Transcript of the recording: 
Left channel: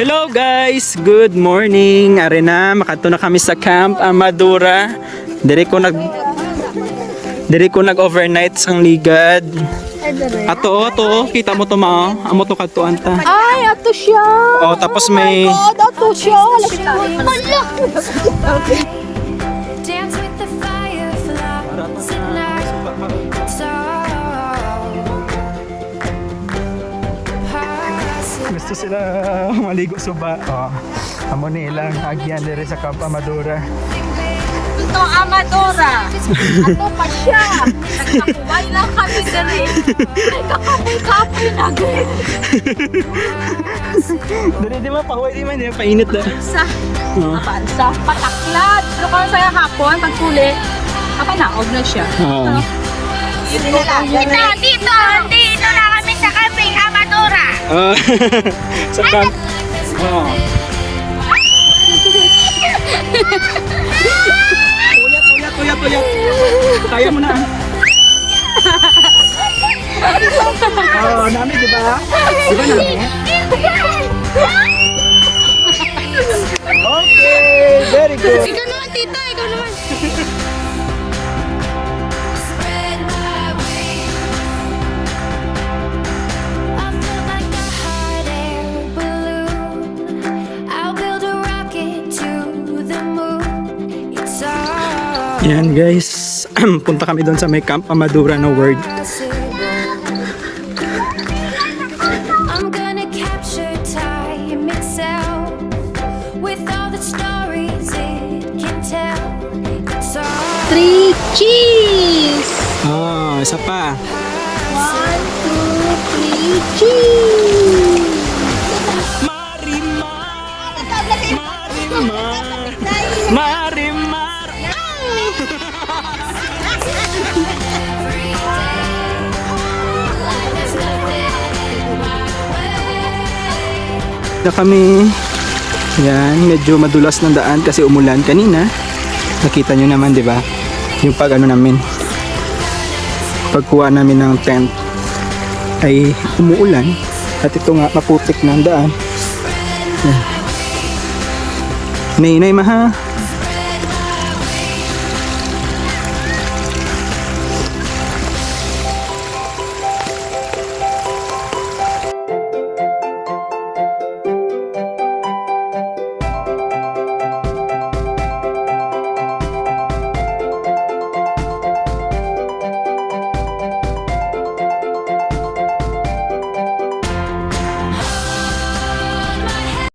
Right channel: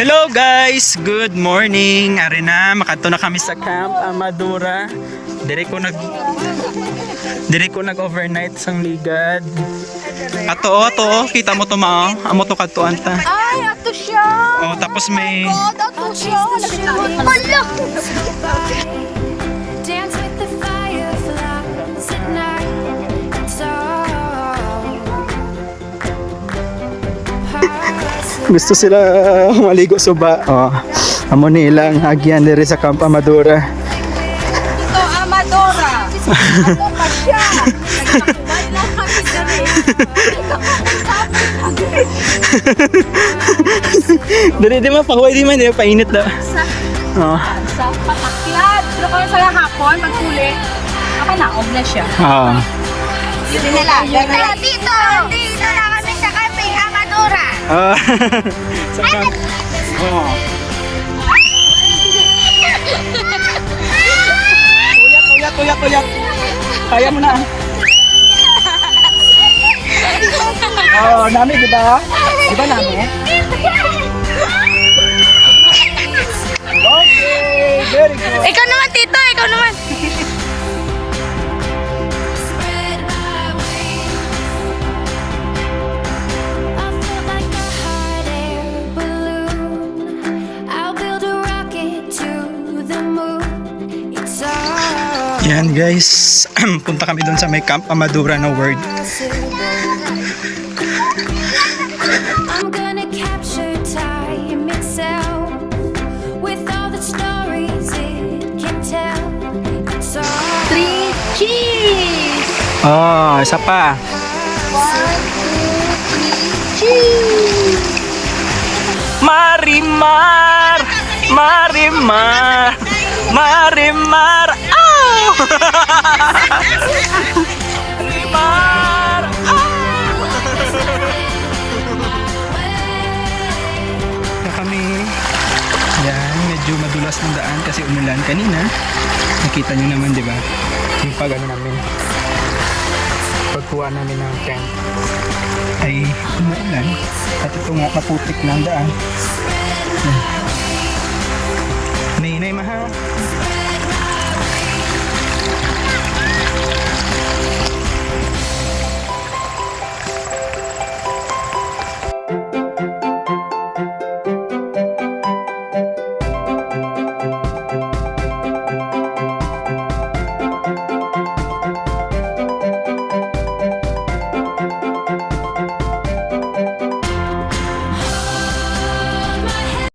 Hello guys, good morning. Are na, makato na kami sa Camp Amadura. Diri ko nag-overnight sang ligad. Ato, kita mo to ma. Amo to kadtuan ta. Ay, ato siya. Oh, tapos may Ato siya. Dance with the fireflies at night. It's all possible. gusto sila maligo suba. Oh, amo nilang agyan diri sa Camp Amadura. Ito, Amadora. Ato pa siya. Ba't lang kami dali? Dali di man pahuway di man di painit na. Oh. Sa patakyan. Pero kung sa hapon, magkuli, kapanaog na siya. Oh. Dito na kami sa camping Amadora. Ah, sa camp. Oh. Tuyat. Kaya mo na. Oh, nami di ba? Di ba nami? Okay, very good. Ikaw naman, tito. Ikaw naman. Spread my wings. I feel like a hot air balloon. I'll build a rocket to the moon. It's all Yan guys, punta kami doon sa may Camp Amadura na word. possible. I'm gonna capture time itself with all the stories it can tell. It's all 3 cheese. Oh, isa pa. 1, 2, 3 cheese. Marimar! Oh! Na kami, yan, medyo madulas ng daan kasi umulan kanina. Nakita nyo naman, di ba? Yung pag ano namin, pagkuha namin ng tent ay umuulan at ito nga maputik ng daan. May maha.